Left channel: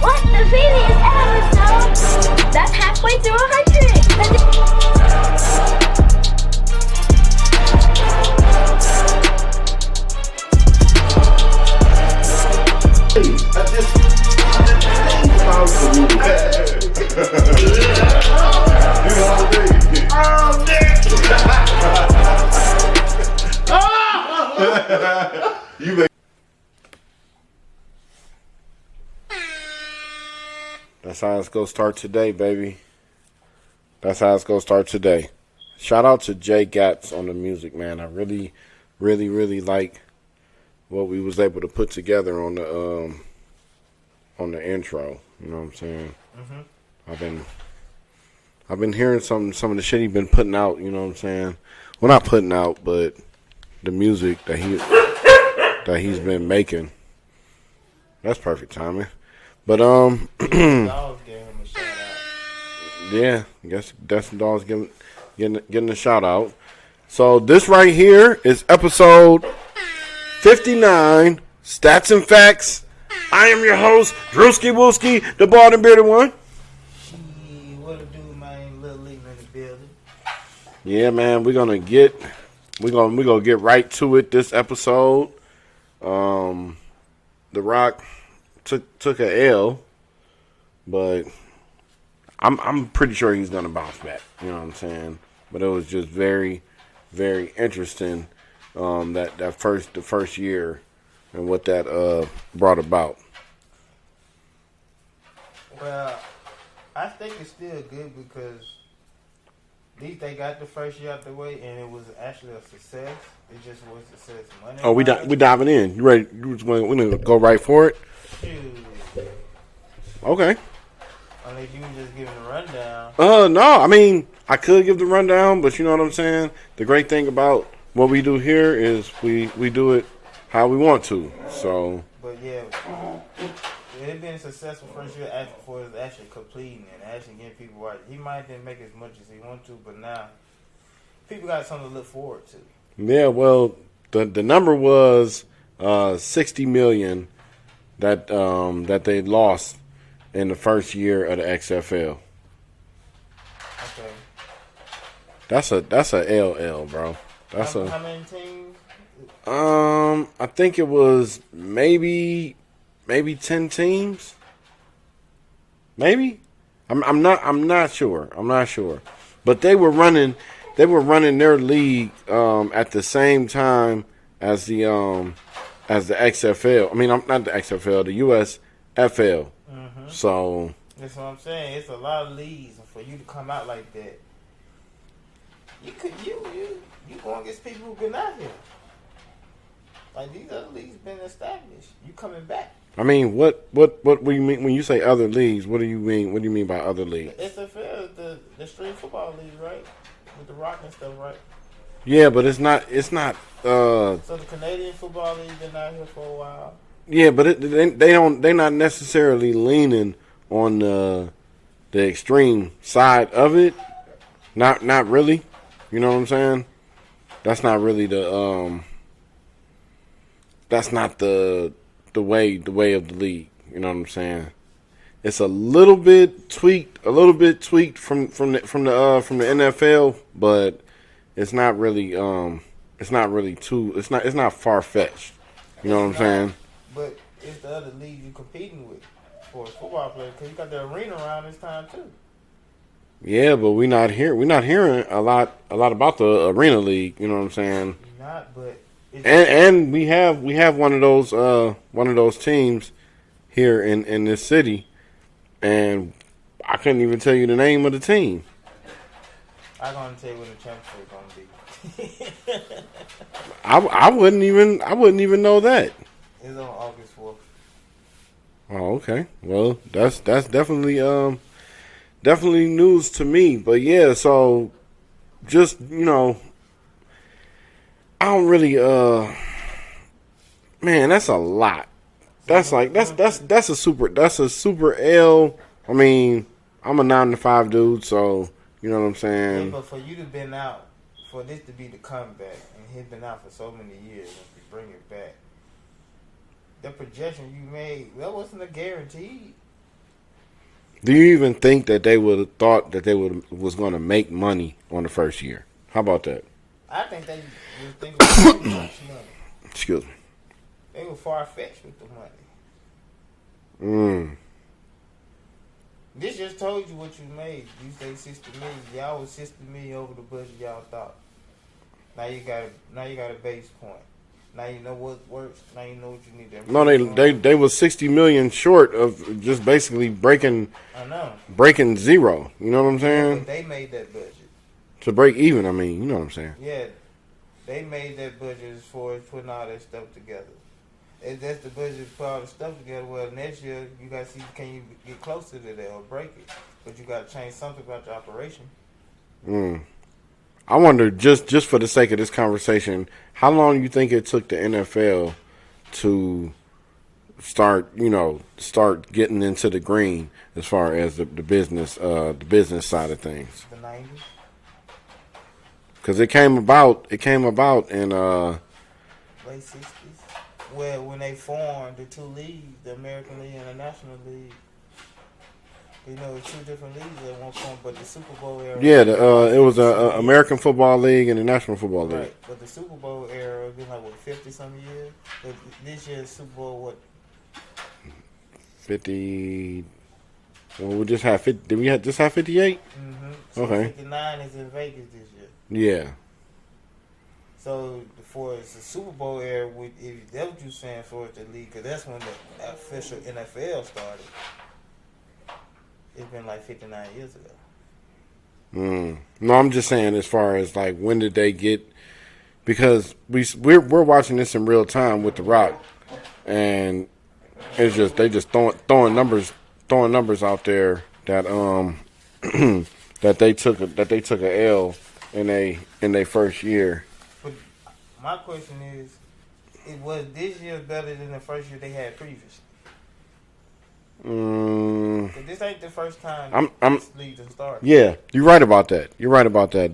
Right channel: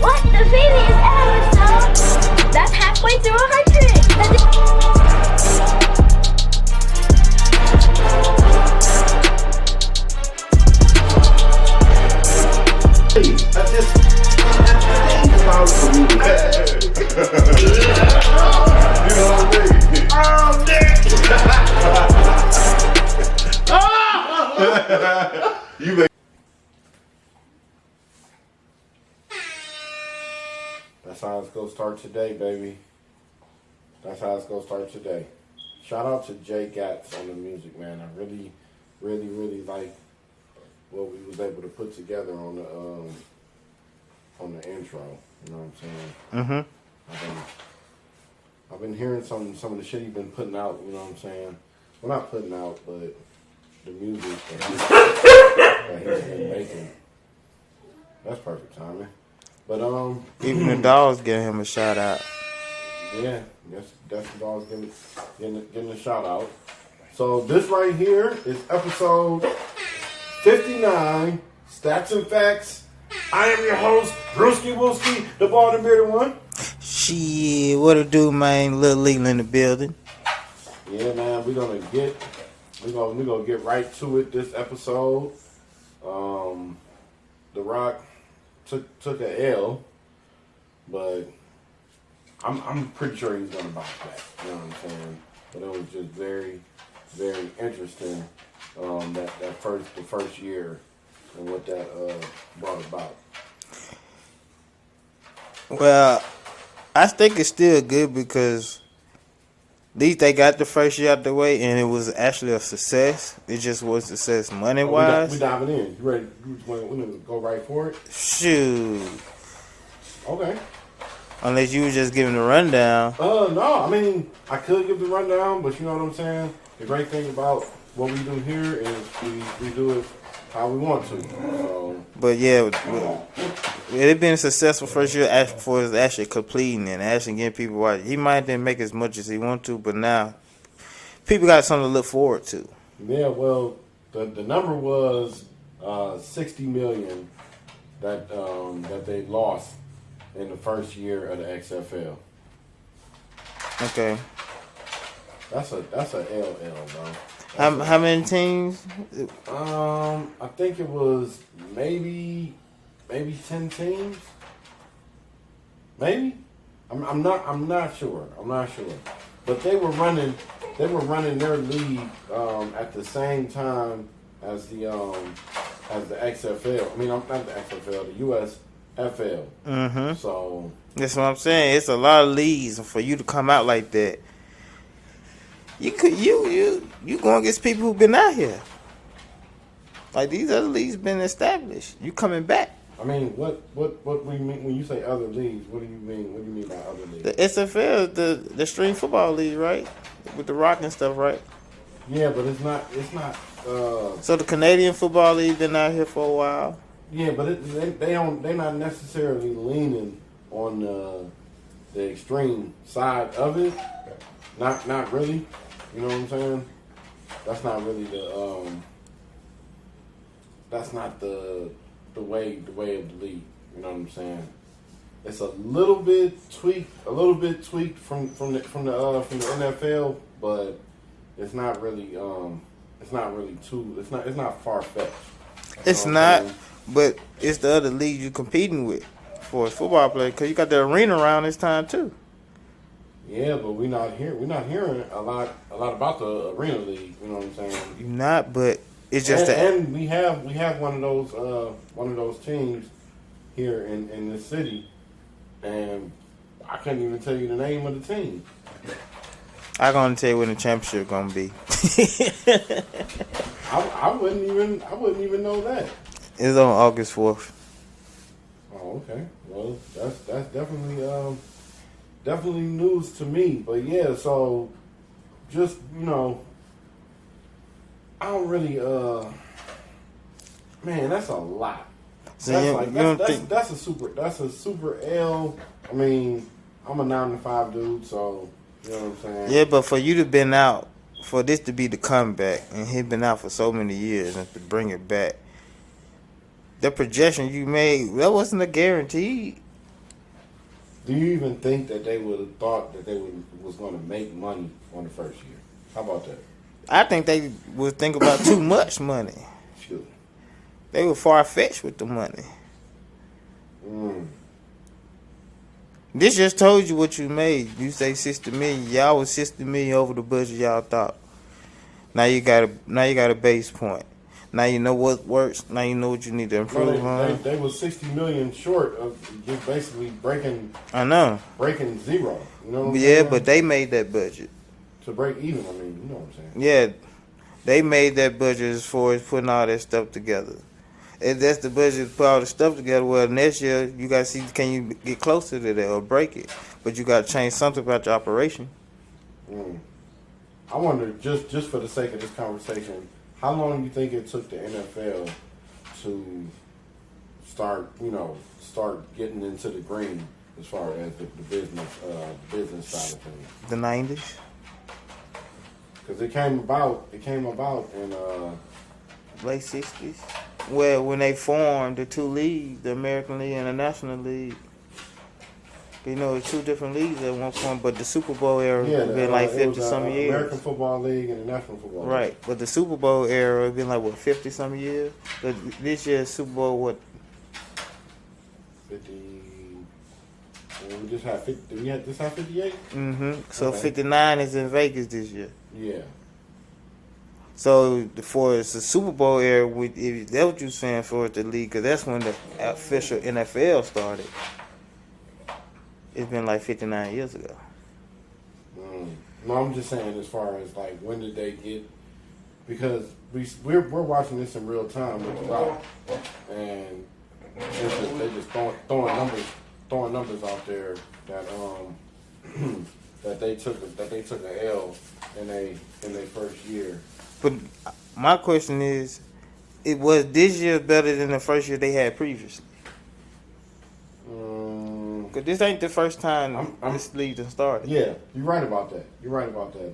What? The previous episode? That's halfway through 100. I just think about for me. You know what I mean? Oh, Nick! You make. That's how it's gonna start today, baby. That's how it's gonna start today. Shout out to Jay Gatz on the music, man. I really, really, really like what we was able to put together on the intro. You know what I'm saying? Mm-hmm. I've been hearing some of the shit he's been putting out. You know what I'm saying? Well, not putting out, but the music that he's been making. That's perfect timing. But even the dogs giving him a shout out. Yeah, I guess that's the dogs getting a shout out. So this right here is episode 59, Statz and Factz. I am your host, Drewski Wooski, the bald and bearded one. Shit, what it do, man? Little Leland in the building. Yeah, man, we're gonna get right to it this episode. The Rock took a L, but I'm pretty sure he's gonna bounce back. You know what I'm saying? But it was just very, very interesting. The first year and what that brought about. Well, I think it's still good because at least they got the first year out the way, and it was actually a success. It just was a success money wise. Oh, we diving in. You ready? We're gonna go right for it. Shoot. Okay. Unless you were just giving the rundown. No. I mean, I could give the rundown, but you know what I'm saying. The great thing about what we do here is we do it how we want to. So. But yeah, it been a successful first year for us actually completing and actually getting people watching. He might didn't make as much as he wanted to, but now people got something to look forward to. Yeah, well, the number was 60 million that they lost in the first year of the XFL. Okay. That's a LL, bro. How many teams? I think it was maybe 10 teams. Maybe. I'm not sure. But they were running their league at the same time as the XFL. I mean, not the XFL, the USFL. Mm-hmm. So that's what I'm saying. It's a lot of leagues for you to come out like that. You going against people who've been out here. Like these other leagues been established. You coming back. I mean, what do you mean when you say other leagues? What do you mean? What do you mean by other leagues? The SFL, the Stream Football League, right? With the Rock and stuff, right? Yeah, but it's not. So the Canadian Football League been out here for a while. Yeah, but they're not necessarily leaning on the extreme side of it. Not really. You know what I'm saying? That's not really that's not the way of the league. You know what I'm saying? It's a little bit tweaked from the NFL, but it's not really it's not far fetched. It's not, but it's the other league you're competing with for a football player because you got the arena around this time too. Yeah, but we're not hearing a lot about the arena league. You know what I'm saying? You're not, but it's just and we have one of those teams here in this city, and I couldn't even tell you the name of the team. I'm gonna tell you when the championship gonna be. I wouldn't even know that. It's on August 4th. Oh, okay. Well, that's definitely news to me. But yeah, so just I don't really man, that's a lot. That's that's a super L. I mean, I'm a 9 to 5 dude, so you know what I'm saying? Yeah, but for you to been out, for this to be the comeback, and he been out for so many years, and to bring it back, the projection you made, that wasn't a guarantee. Do you even think that they would have thought that was going to make money on the first year? How about that? I think they would think about too much money. Excuse me. They were far-fetched with the money. This just told you what you made. You say 60 million. Y'all was 60 million over the budget y'all thought. Now you got a base point. Now you know what works. Now you know what you need to improve. No, they was 60 million short of just basically breaking. I know. Breaking zero. You know what I'm saying? Yeah, but they made that budget. To break even, I mean, you know what I'm saying? Yeah, they made that budget as far as putting all that stuff together. If that's the budget to put all the stuff together, well, next year you got to see, can you get closer to that or break it? But you got to change something about your operation. I wonder, just for the sake of this conversation, how long do you think it took the NFL to start getting into the green as far as the business side of things? The 90s. Because it came about in Late 60s. Well, when they formed the two leagues, the American League and the National League. You know, it's two different leagues at one point, but the Super Bowl era. Yeah, like it was the American Football League and the National Football League. Right, but the Super Bowl era has been like, what, 50-some years? This year's Super Bowl, what? 50. Well, we just have 50. Did we just have 58? Mm-hmm. So Okay. 59 is in Vegas this year. Yeah. So for the Super Bowl era, if that's what you're saying for the league, because that's when the official NFL started. It's been like 59 years ago. No, I'm just saying as far as like when did they get? Because we're watching this in real time with The Rock, and it's just they just throwing numbers out there that that they took a L in they first year. But my question is, was this year better than the first year they had previously? Because this ain't the first time this league done started. Yeah, you're right about that.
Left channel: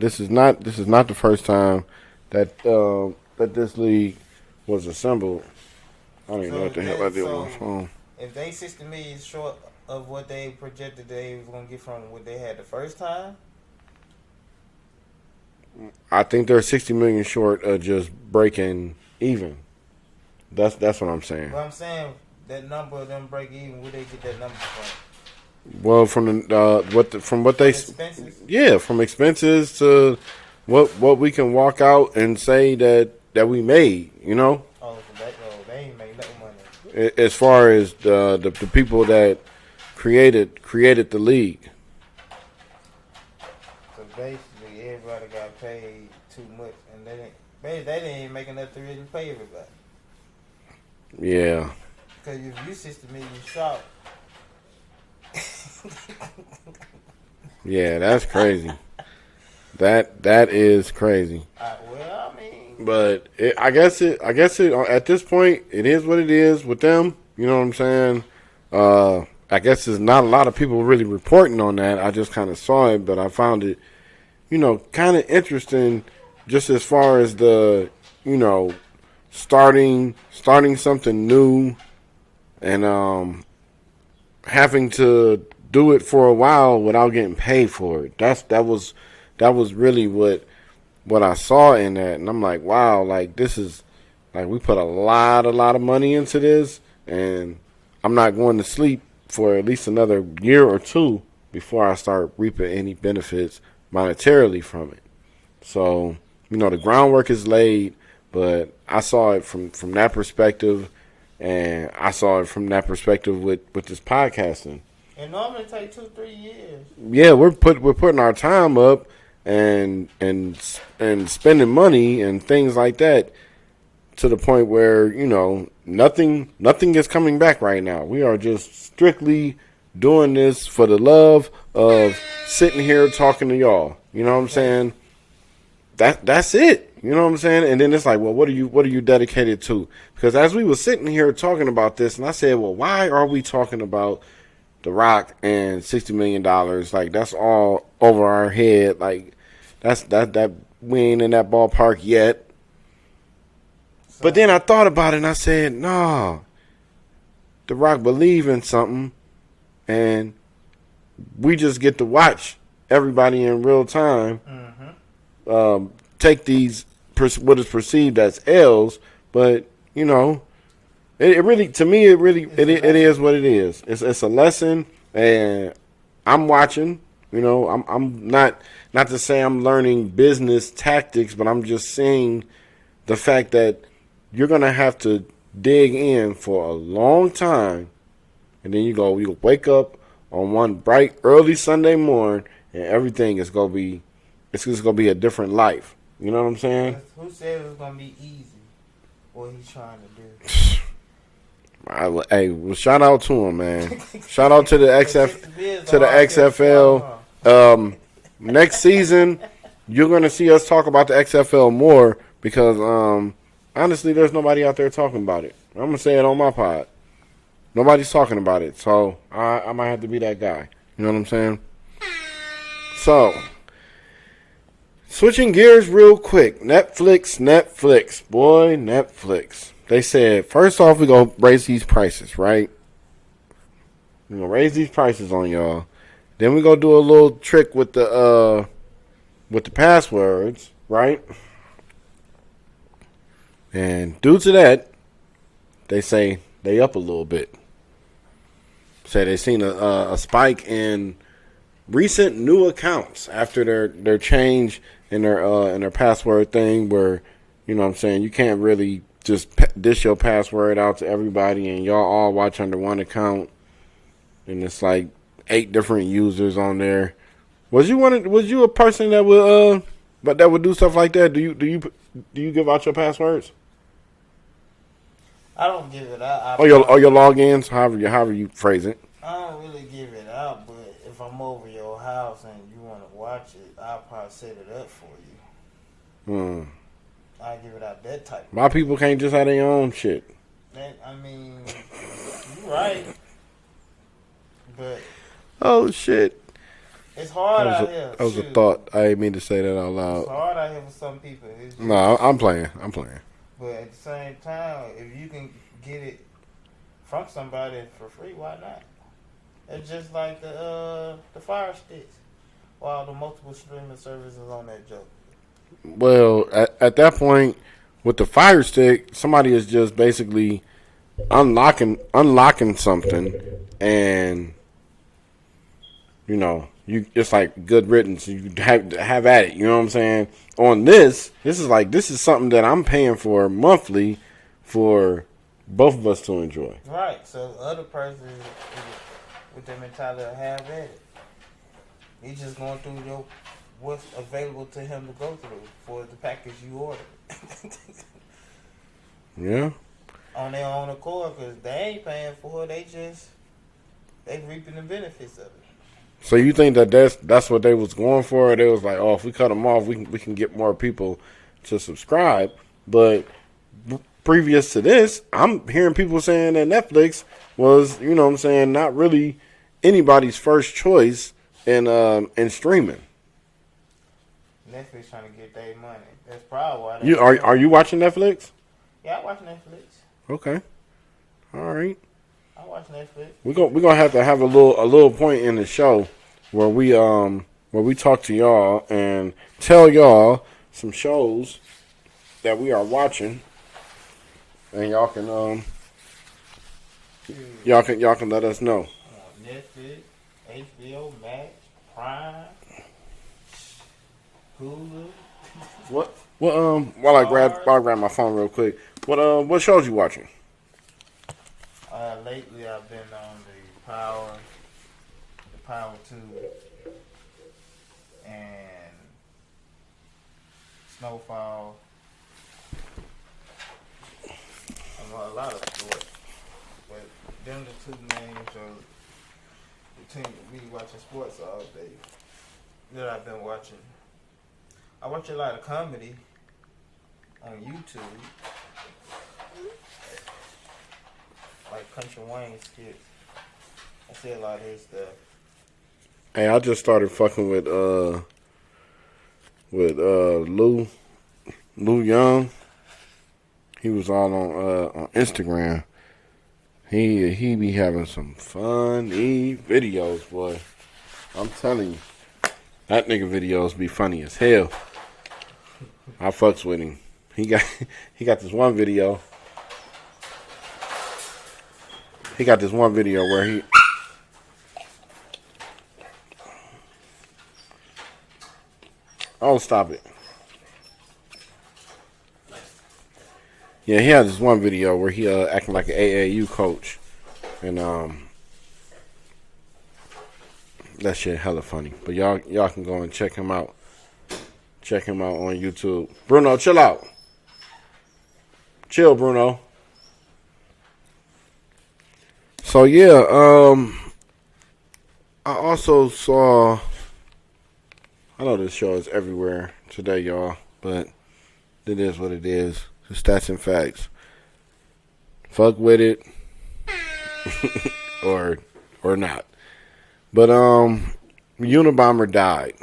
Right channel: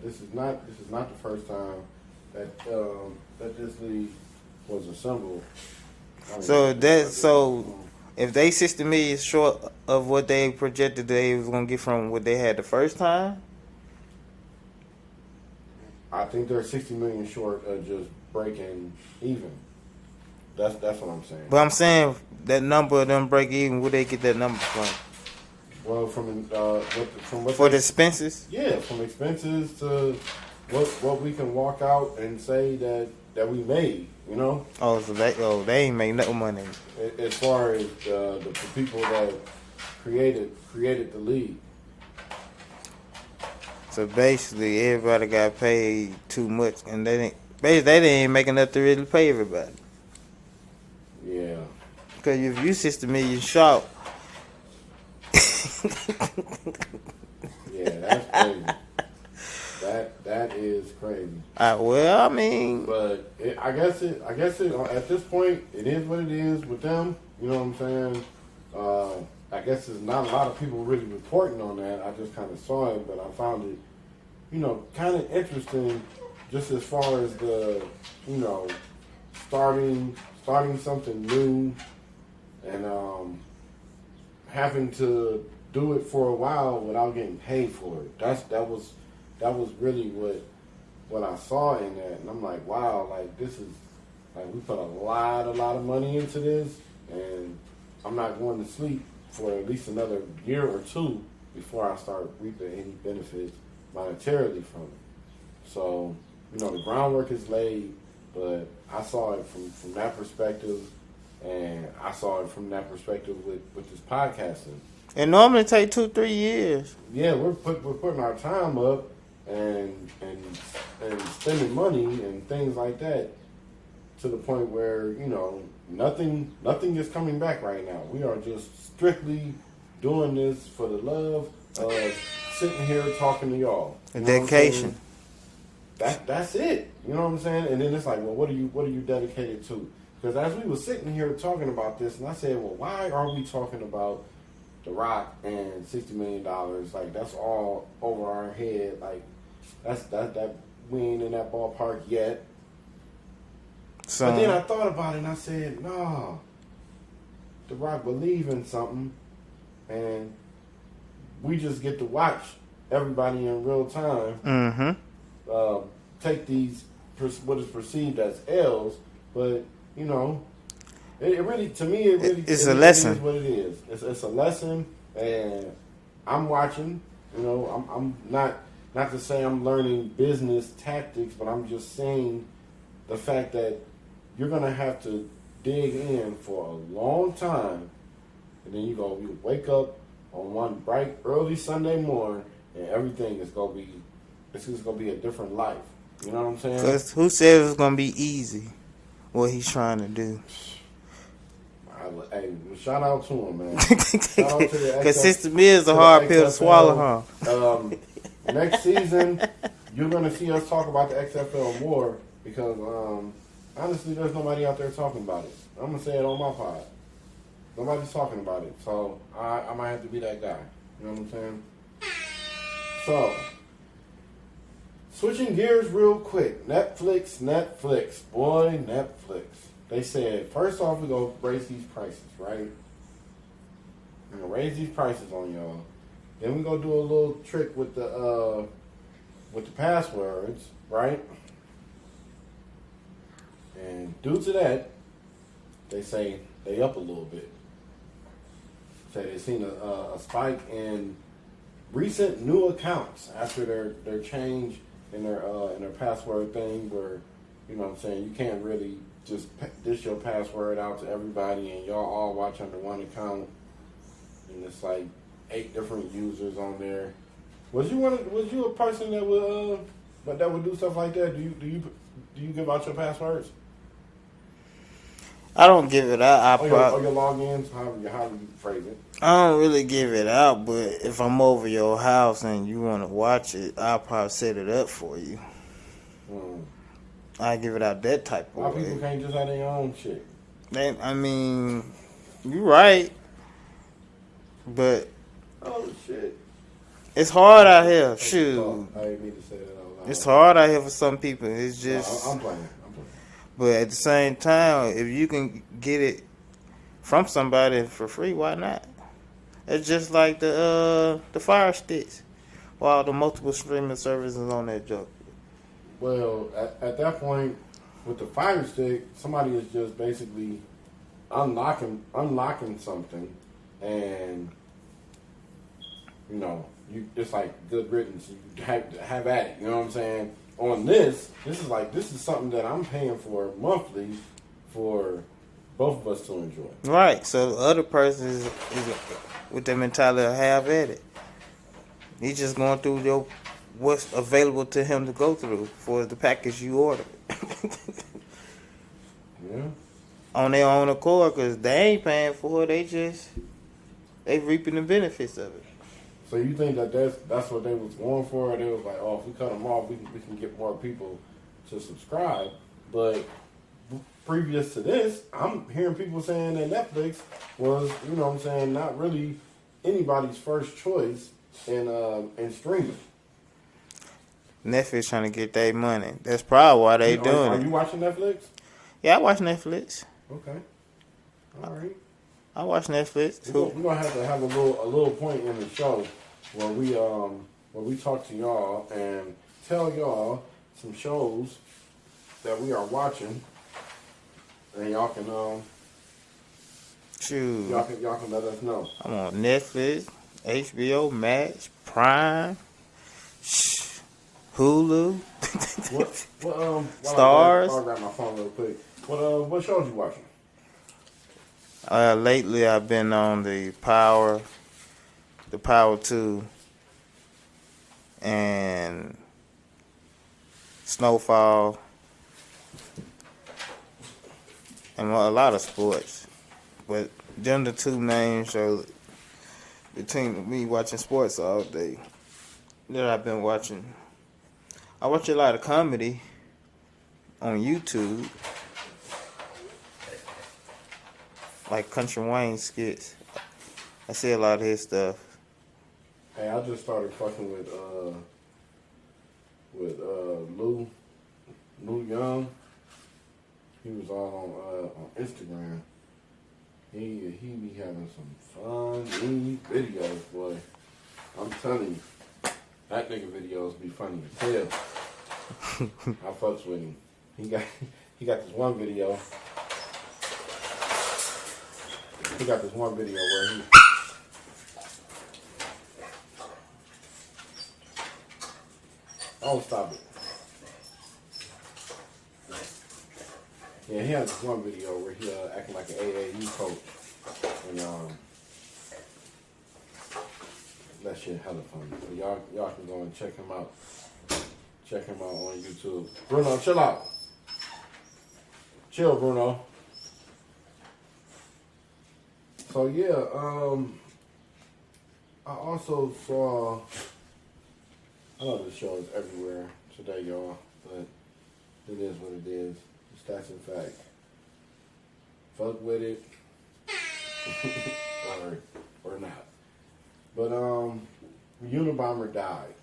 This is not the first time that that this league was assembled. So if they 60 million short of what they projected they was gonna get from what they had the first time, I think they're 60 million short of just breaking even. That's what I'm saying. but I'm saying that number of them break even, where they get that number from? Well, from what For they the expenses? yeah, from expenses to what we can walk out and say that we made, you know. Oh, so they ain't make no money. As far as the people that created the league. So basically, everybody got paid too much, and they didn't make enough to really pay everybody. Yeah. Because if you 60 million short, Yeah, that's crazy. That is crazy. well, I mean, But I guess it at this point it is what it is with them. You know what I'm saying? I guess there's not a lot of people really reporting on that. I just kind of saw it, but I found it, kind of interesting, just as far as the, starting something new, and having to do it for a while without getting paid for it. That was really what I saw in that, and I'm like, wow, like this is like we put a lot of money into this, and I'm not going to sleep for at least another year or two before I start reaping any benefits monetarily from it. So, the groundwork is laid, but I saw it from that perspective, and I saw it from that perspective with this podcasting. it normally take 2-3 years. Yeah, we're putting our time up and spending money and things like that to the point where, nothing is coming back right now. We are just strictly doing this for the love of sitting here talking to y'all. You know what I'm saying? That's it. You know what I'm saying? And then it's like, well, what are you dedicated to? Because as we were sitting here talking about this, and I said, well, why are we talking about The Rock and $60 million? Like, that's all over our head. Like, that we ain't in that ballpark yet. So, But then I thought about it and I said, nah, The Rock believe in something, and we just get to watch everybody in real time take these what is perceived as L's, but you know, it really, to me, it is what it is. It's a lesson, and I'm watching. You know, I'm not to say I'm learning business tactics, but I'm just seeing the fact that you're gonna have to dig in for a long time, and then you wake up on one bright early Sunday morning, and everything is gonna be, it's just gonna be a different life. You know what I'm saying? 'Cause who said it was gonna be easy? What he's trying to do. Hey, well, shout out to him, man. Shout out to the XFL. Next season, you're gonna see us talk about the XFL more because honestly, there's nobody out there talking about it. I'm gonna say it on my pod. Nobody's talking about it, so I might have to be that guy. You know what I'm saying? So, switching gears real quick. Netflix. They said, first off, we're going to raise these prices, right? We're going to raise these prices on y'all. Then we're going to do a little trick with the passwords, right? And due to that, they say they up a little bit. Say they seen a spike in recent new accounts after their change in their password thing, where, you know what I'm saying, you can't really just dish your password out to everybody and y'all all watch under one account, and it's like 8 different users on there. Was you a person that would do stuff like that? Do you give out your passwords? I don't give it out. Or your logins, however you phrase it. I don't really give it out, but if I'm over your house and you want to watch it, I'll probably set it up for you. I give it out that type of My way. people can't just have their own shit. I mean, you're right, but oh shit, it's hard out here. That was a thought. I didn't mean to say that out loud. It's hard out here for some people. It's just, no, I'm playing. But at the same time, if you can get it from somebody for free, why not? It's just like the Fire Sticks, while the multiple streaming services on that joke. Well, at that point, with the Fire Stick, somebody is just basically unlocking something, and you know, it's like good riddance. You have at it. You know what I'm saying? On this is something that I'm paying for monthly for both of us to enjoy. Right. So the other person is with their mentality of have at it. He's just going through what's available to him to go through for the package you ordered. Yeah. On their own accord, because they ain't paying for it. They reaping the benefits of it. So you think that that's what they was going for? They was like, oh, if we cut them off, we can get more people to subscribe. But previous to this, I'm hearing people saying that Netflix was, you know what I'm saying, not really anybody's first choice in streaming. Netflix trying to get their money. That's probably why they are you watching Netflix? Yeah, I watch Netflix. Okay. All right. I watch Netflix. We're gonna have to have a little point in the show where we talk to y'all and tell y'all some shows that we are watching, and y'all can y'all can let us know. I'm on Netflix, HBO Max, Prime, Hulu. While I grab my phone real quick. What shows you watching? Lately I've been on the Power 2, and Snowfall, and a lot of sports. But them the two main shows between me watching sports all day that I've been watching. I watch a lot of comedy on YouTube. Like Country Wayne skits. I see a lot of his stuff. Hey, I just started fucking with Lou Young. He was all on Instagram. He be having some funny videos, boy. I'm telling you, that nigga videos be funny as hell. I fucks with him. He got this one video. He got this one video where he. Oh, stop it. Yeah, he had this one video where he acting like an AAU coach, and that shit hella funny. But y'all can go and check him out. Check him out on YouTube. Bruno, chill out. Chill, Bruno. So yeah, I also saw. I know this show is everywhere today, y'all, but it is what it is. The Statz and Factz. Fuck with it, or not. But Unabomber died.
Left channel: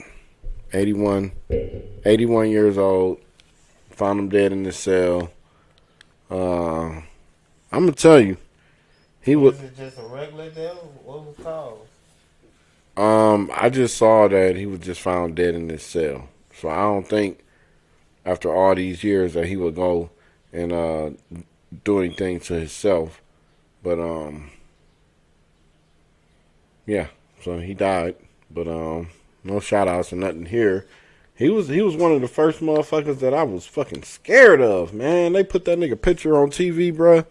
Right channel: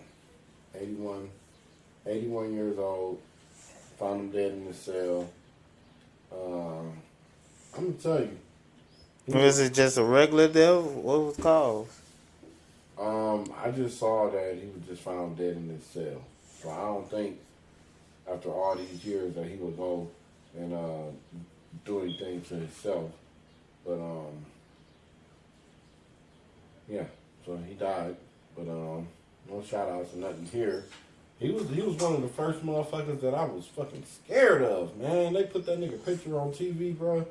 81 years old. Found him dead in his cell. I'm gonna tell you, was it just a regular death? What was it called? I just saw that he was just found dead in his cell. So I don't think after all these years that he would go and do anything to himself. But yeah. So he died. But no shout outs or nothing here. He was one of the first motherfuckers that I was fucking scared of, man. They put that nigga picture on TV, bruh.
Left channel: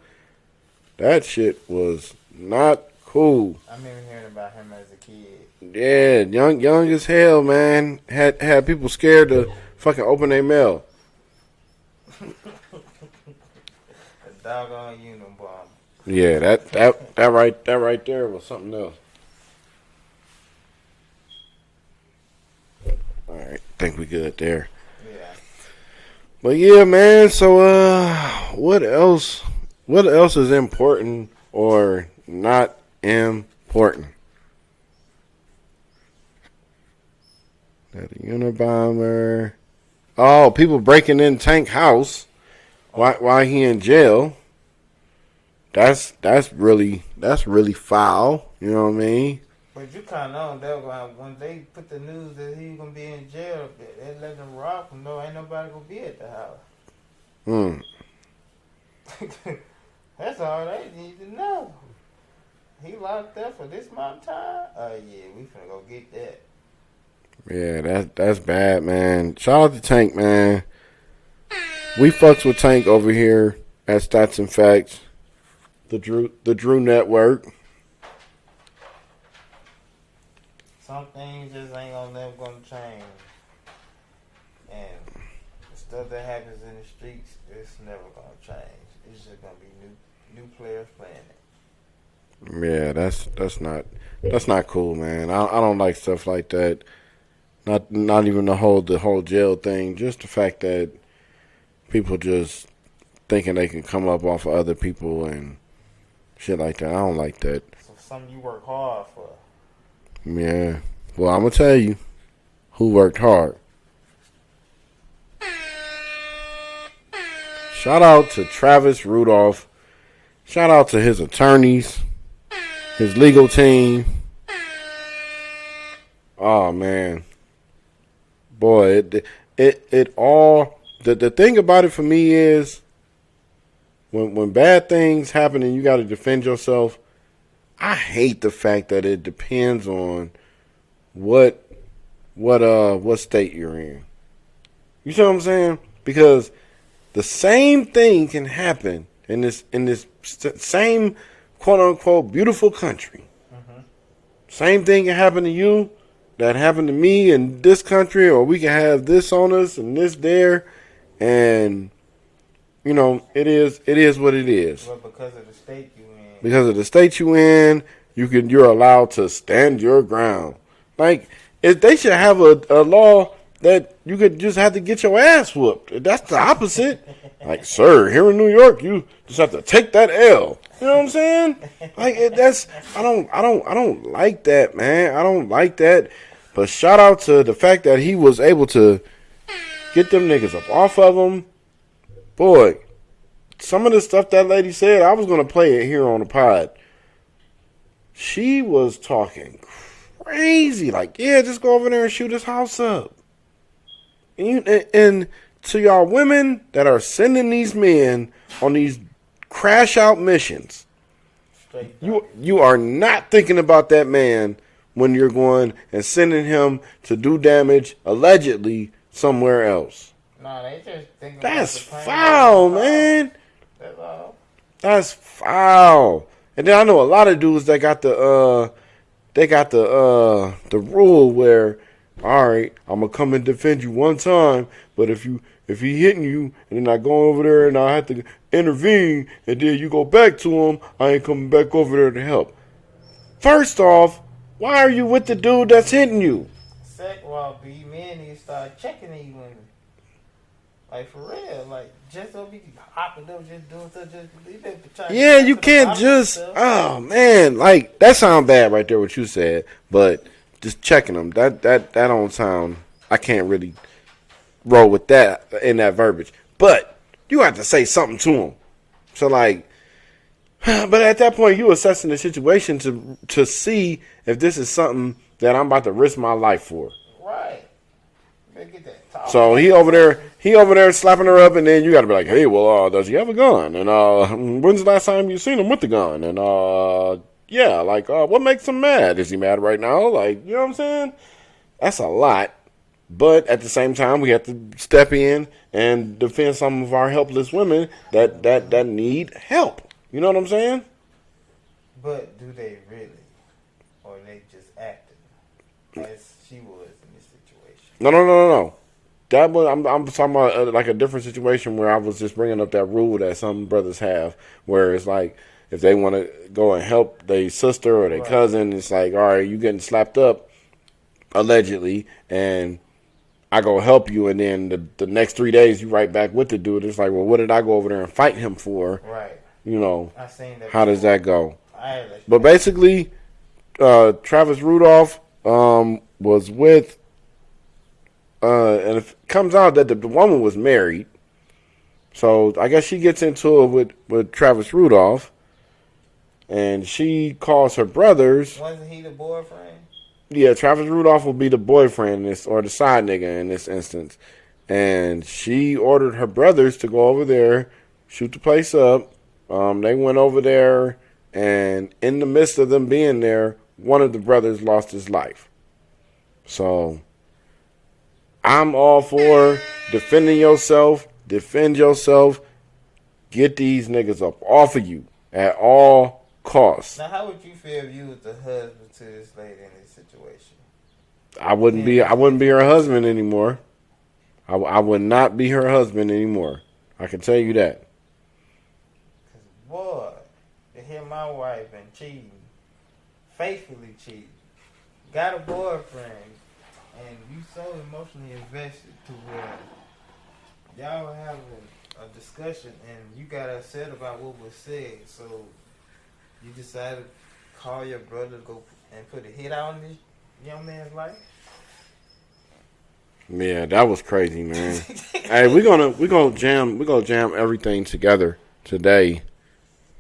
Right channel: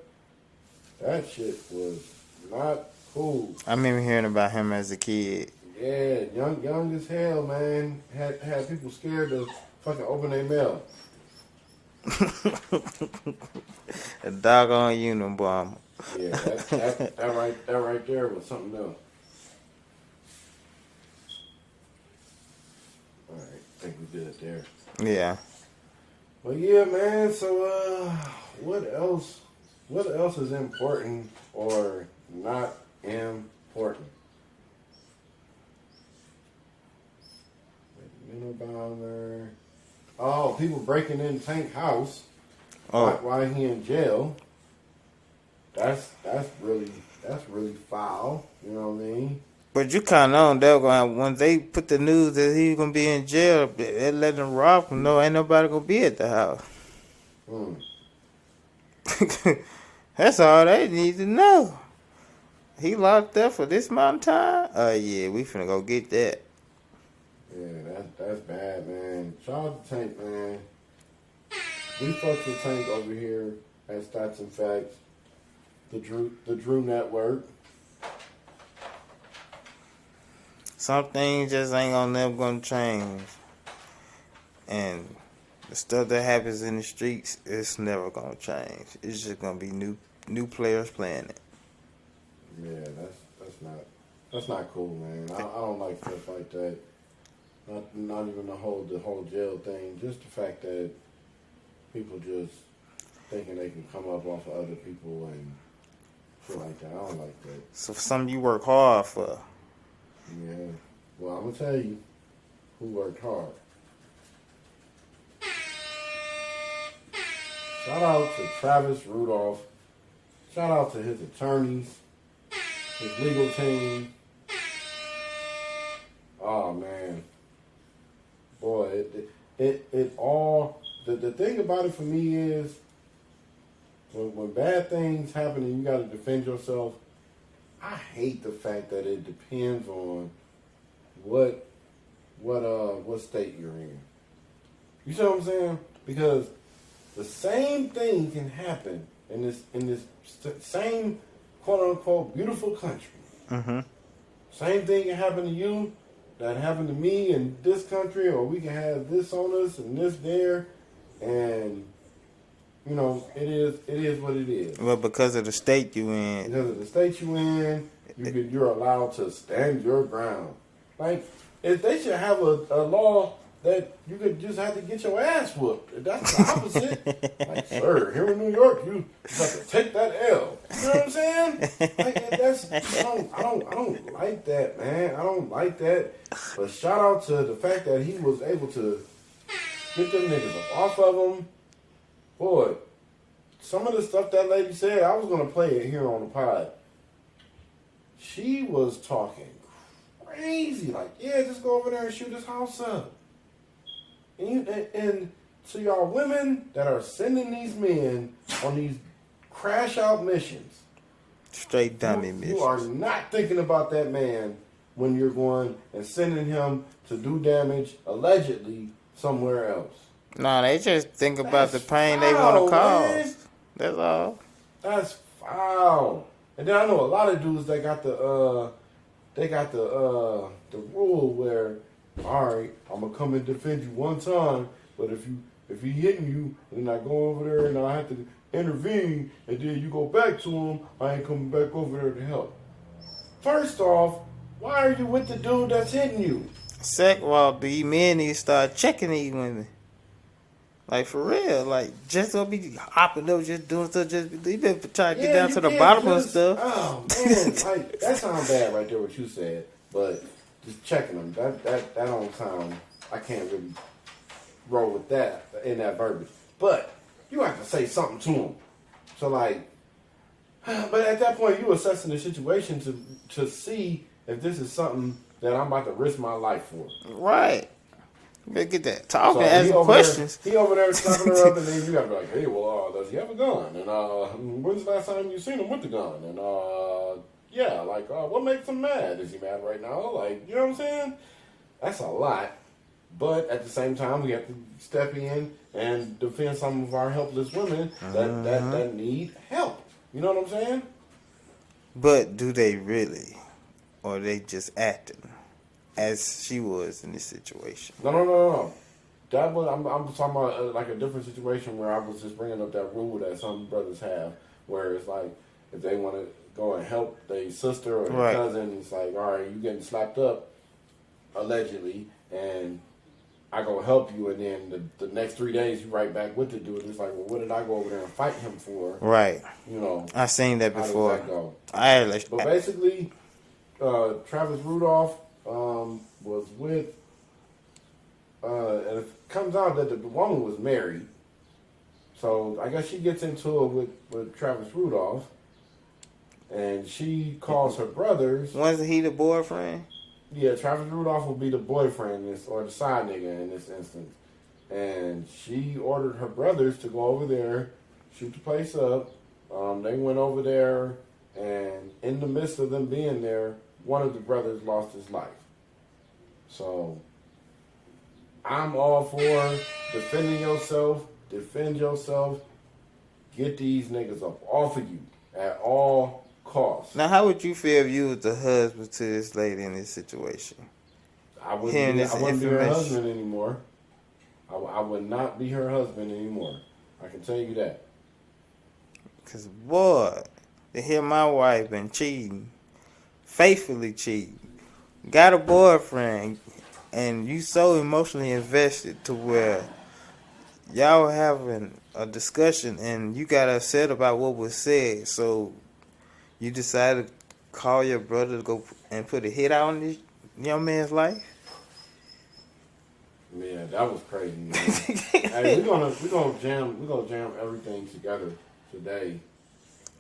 That shit was not cool. I remember hearing about him as a kid. Yeah, young as hell, man. Had people scared to fucking open their mail. A doggone Unabomber. Yeah, that right there was something else. All right, think we good there. Yeah. But yeah, man. So what else? What else is important or not important? That Unabomber. Oh, people breaking in Tank house while he in jail. That's really foul. You know what I mean? But you kind of know they were going when they put the news that he was gonna be in jail. They let him rob him. No, ain't nobody gonna be at the house. That's all they need to know. He locked up for this amount of time. Oh yeah, we finna go get that. Yeah, that's bad, man. Shout out to Tank, man. We fucks with Tank over here at Statz and Factz, the Drew Network. Some things just ain't never gonna change, and the stuff that happens in the streets, it's never gonna change. It's just gonna be new players playing it. Yeah, that's not cool, man. I don't like stuff like that. Not even the whole jail thing. Just the fact that people just thinking they can come up off of other people and shit like that. I don't like that. So for something you work hard for. Yeah. Well, I'm gonna tell you who worked hard. Shout out to Travis Rudolph. Shout out to his attorneys, his legal team. Oh man, boy, it all. The thing about it for me is when bad things happen and you got to defend yourself. I hate the fact that it depends on what state you're in. You see what I'm saying? Because the same thing can happen in this same quote unquote beautiful country. Mm-hmm. Same thing can happen to you that happened to me in this country, or we can have this on us and this there, and you know it is what it is. Well, because of the state you in. Because of the state you in, you're allowed to stand your ground. Like they should have a law that you could just have to get your ass whooped. That's the opposite. Like, sir, here in New York, you just have to take that L. You know what I'm saying? Like I don't like that, man. I don't like that. But shout out to the fact that he was able to get them niggas up off of him. Boy, some of the stuff that lady said, I was gonna play it here on the pod. She was talking crazy. Like, yeah, just go over there and shoot his house up. And to y'all women that are sending these men on these crash out missions, Straight dummy. you are not thinking about that man when you're going and sending him to do damage allegedly somewhere else. No, they just think about That's the pain foul, they want to man. cause. That's all. That's foul. And then I know a lot of dudes that got the rule where, all right, I'm gonna come and defend you one time, but if he hitting you and then I go over there and I have to intervene and then you go back to him, I ain't coming back over there to help. First off, why are you with the dude that's hitting you? Well, these men need to start checking these women. Like, for real. Like, just don't be hopping up, just doing stuff. You been trying to get down You to the can't bottom of just. stuff. Oh man, like that sound bad right there. What you said, but just checking them. That don't sound. I can't really roll with that in that verbiage. But you have to say something to them. So like, but at that point, you assessing the situation to see if this is something that I'm about to risk my life for. Right. You better get that talk. So he over there slapping her up, and then you got to be like, hey, well, does he have a gun? And when's the last time you seen him with the gun? And yeah, like what makes him mad? Is he mad right now? Like, you know what I'm saying? That's a lot. But at the same time, we have to step in and defend some of our helpless women that need help. You know what I'm saying? But do they really? Or are they just acting as she was in this situation? No. That was I'm talking about like a different situation where I was just bringing up that rule that some brothers have, where it's like if they want to go and help their sister or their cousin, it's like, all right, you getting slapped up allegedly, and I go help you, and then the next 3 days you right back with the dude. It's like, well, what did I go over there and fight him for? Right. You know, I seen that. How before. does that go? But basically, Travis Rudolph was with, and it comes out that the woman was married. So I guess she gets into it with Travis Rudolph, and she calls her brothers. Wasn't he the boyfriend? Yeah, Travis Rudolph will be the boyfriend or the side nigga in this instance. And she ordered her brothers to go over there, shoot the place up. They went over there, and in the midst of them being there, one of the brothers lost his life. So I'm all for defending yourself, defend yourself, get these niggas up off of you at all costs. Now, how would you feel if you was the husband to this lady in this situation? I wouldn't be her husband anymore. I would not be her husband anymore. I can tell you that. Because, boy, to hear my wife been cheating, faithfully cheating, got a boyfriend, and you so emotionally invested to where y'all were having a discussion and you got upset about what was said, so you decided to call your brother to go and put a hit out on this young man's life? Yeah, that was crazy, man. Hey, we're gonna jam everything together today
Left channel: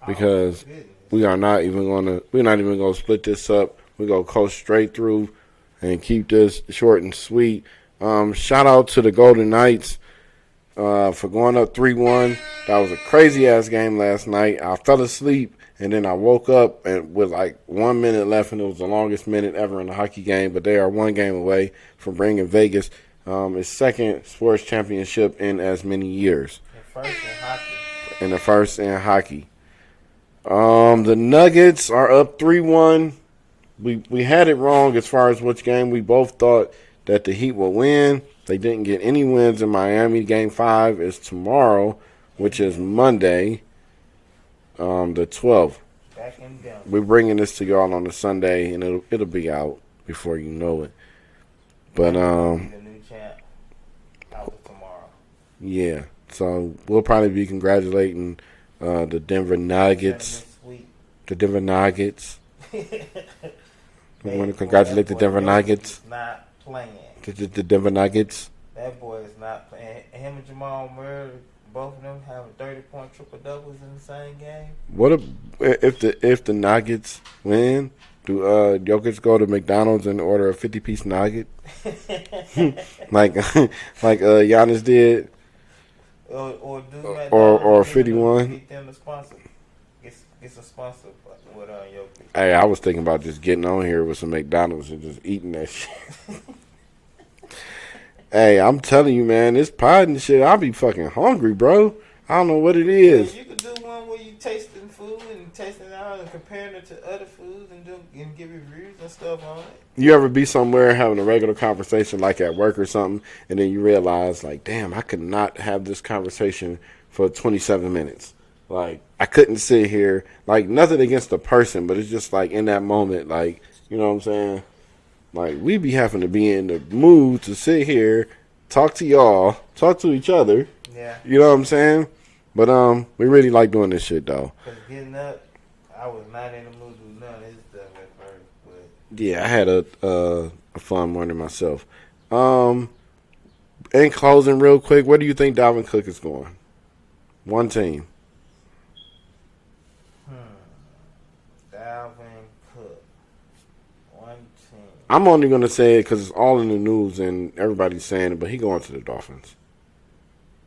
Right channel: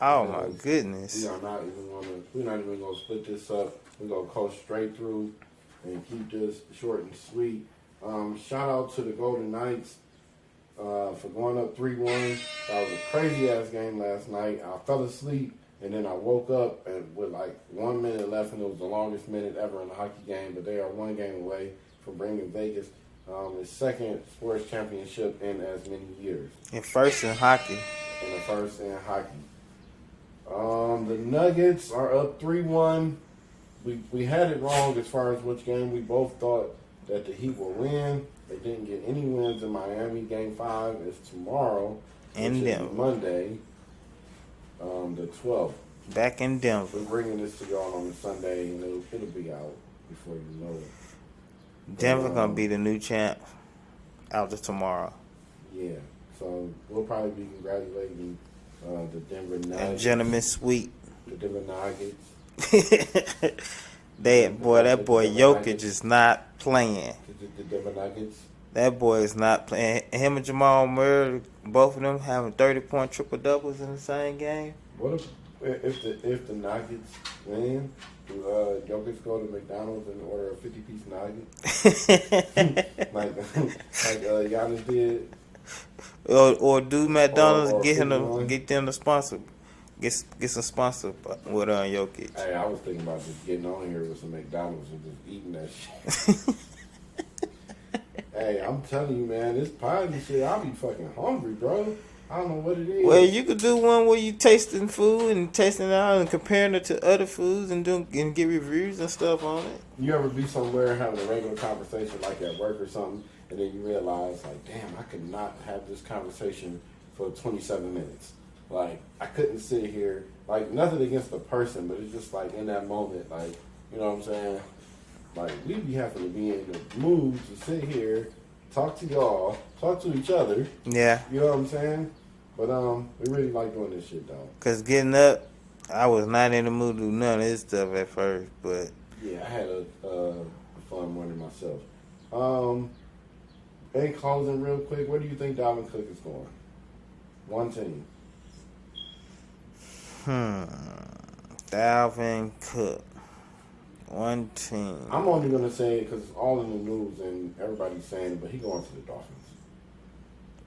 because we're not even gonna split this up. We're gonna go straight through and keep this short and sweet. Shout out to the Golden Knights for going up 3-1. That was a crazy ass game last night. I fell asleep and then I woke up and with like 1 minute left, and it was the longest minute ever in a hockey game. But they are one game away from bringing Vegas its second sports championship in as many years. And first in hockey. And the first in hockey. The Nuggets are up 3-1. We had it wrong as far as which game. We both thought that the Heat will win. They didn't get any wins in Miami. Game 5 is tomorrow, which is Monday, the 12th. Back in Denver. We're bringing this to y'all on a Sunday, and it'll be out before you know it. But Denver gonna be the new champ after tomorrow. Yeah, so we'll probably be congratulating the Denver Nuggets. Gentlemen sweep. The Denver Nuggets. That boy Jokic is not playing. The Denver Nuggets. That boy is not playing. Him and Jamal Murray, both of them having 30-point triple doubles in the same game. What if the Nuggets win? Do Jokic go to McDonald's and order a 50-piece nugget like Giannis did? Or do McDonald's or get 51? Get them to sponsor. Get some sponsor with Jokic. Hey, I was thinking about just getting on here with some McDonald's and just eating that shit. Hey, I'm telling you, man, this pod and shit, I'll be fucking hungry, bro. I don't know what it is. Well, you could do one where you tasting food and tasting it out and comparing it to other foods and give reviews and stuff on it. You ever be somewhere having a regular conversation like at work or something, and then you realize, like, damn, I could not have this conversation for 27 minutes. Like, I couldn't sit here, like, nothing against the person, but it's just like in that moment, like, you know what I'm saying? Like, we be having to be in the mood to sit here, talk to y'all, talk to each other. Yeah. You know what I'm saying? But we really like doing this shit, though. Because getting up, I was not in the mood to do none of this stuff at first, but... Yeah, I had a fun morning myself. In closing, real quick, where do you think Dalvin Cook is going? One team. Dalvin Cook. One team. I'm only going to say it because it's all in the news and everybody's saying it, but he going to the Dolphins.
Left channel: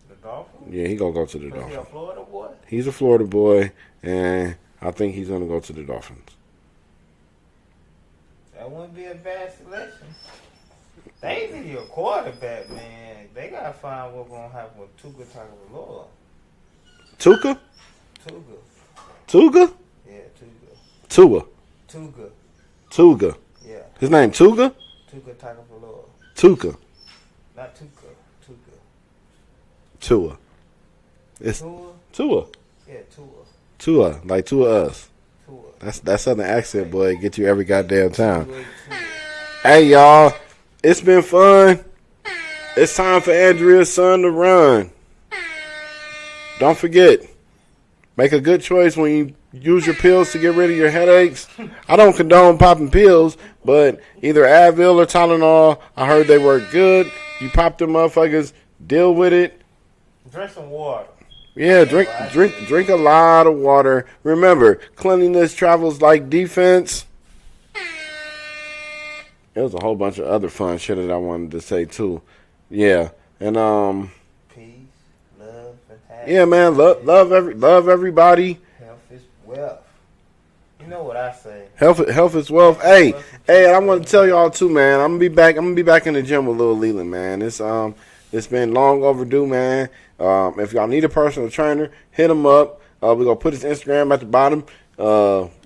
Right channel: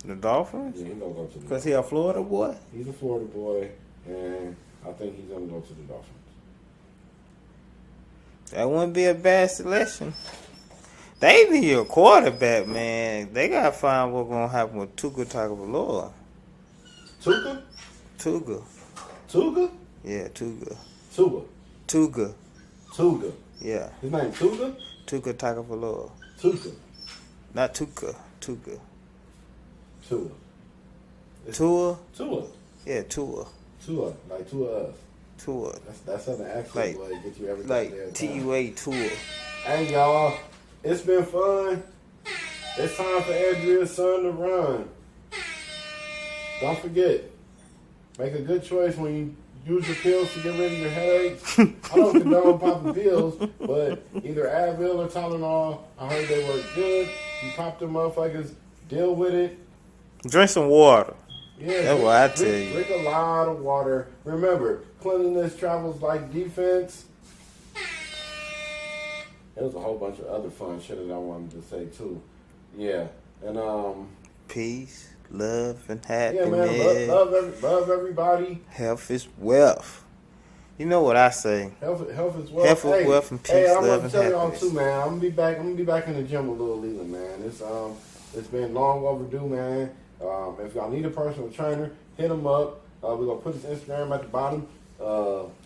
The Dolphins? Yeah, he going to go to the Because Dolphins. he a Florida boy? He's a Florida boy, and I think he's going to go to the Dolphins. That wouldn't be a bad selection. They need a quarterback, man. They got to find what's going to happen with Tua Tagovailoa. Tuka? Tuga. Tuga? Yeah, Tuga. Tua. Tuga. Tuga. Yeah. His name Tuga? Tua Tagovailoa. Tuka. Not Tuka. Tuga. Tua. It's Tua? Tua. Yeah, Tua. Tua. Like two of us. Tua. That southern accent, Like- boy, get you every goddamn time. Tua. Tua. Hey, y'all. It's been fun. It's time for Andrea's son to run. Don't forget, make a good choice when you use your pills to get rid of your headaches. I don't condone popping pills, but either Advil or Tylenol, I heard they work good. You pop them motherfuckers, deal with it. Drink some water. Yeah, That's what I tell you. drink a lot of water. Remember, cleanliness travels like defense. There was a whole bunch of other fun shit that I wanted to say too. Yeah, and Peace, love, and happiness. yeah, man, love everybody. Health is wealth. You know what I say. Health is wealth. Health is Hey, wealth and hey, peace, and I love, want to and tell y'all happiness. too, man. I'm gonna be back in the gym with Lil Leland, man. It's been long overdue, man. If y'all need a personal trainer, hit him up. We're gonna put his Instagram at the bottom.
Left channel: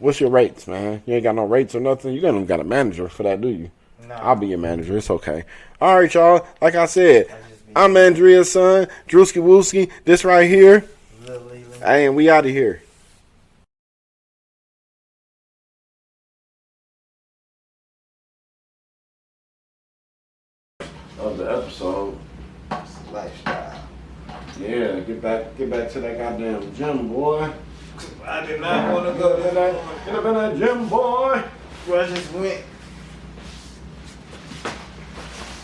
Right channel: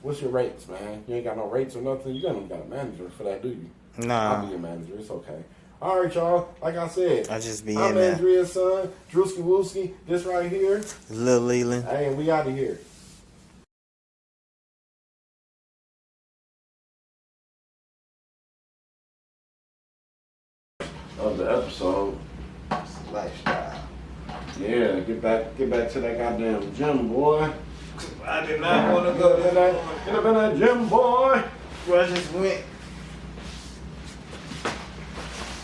What's your rates, man? You ain't got no rates or nothing. You ain't got a manager for that, do you? Nah. I'll be your manager. It's okay. All right, y'all. Like I said, I'm your Andrea's son, Drewski Wooski. This right here. Lil Leland. Hey, and we out of here. Of the episode. Lifestyle. Yeah, get back to that goddamn gym, boy. I did not want to go Get there. up in that gym, boy. Bro, I just went.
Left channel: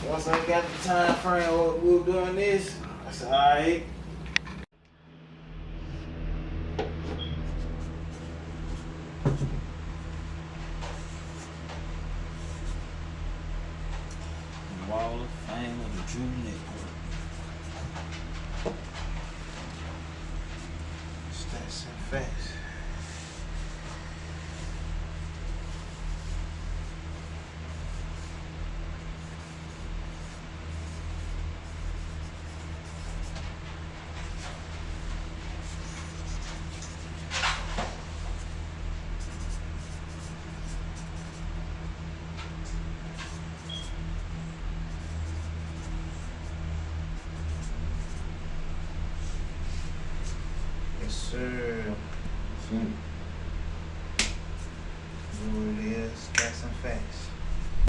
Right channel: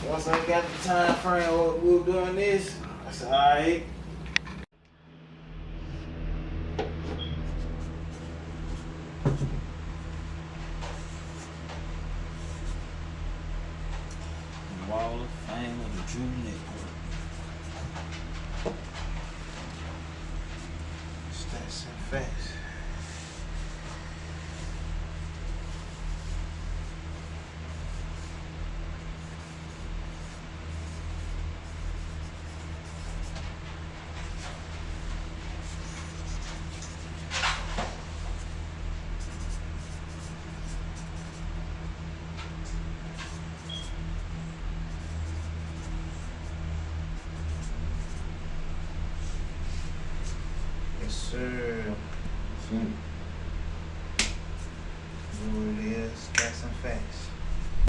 Once I got the time frame what we were doing this, I said, alright. Wall of Fame of the Drew Network. Statz and Factz. Yes, sir. Know what it is? Statz and Factz.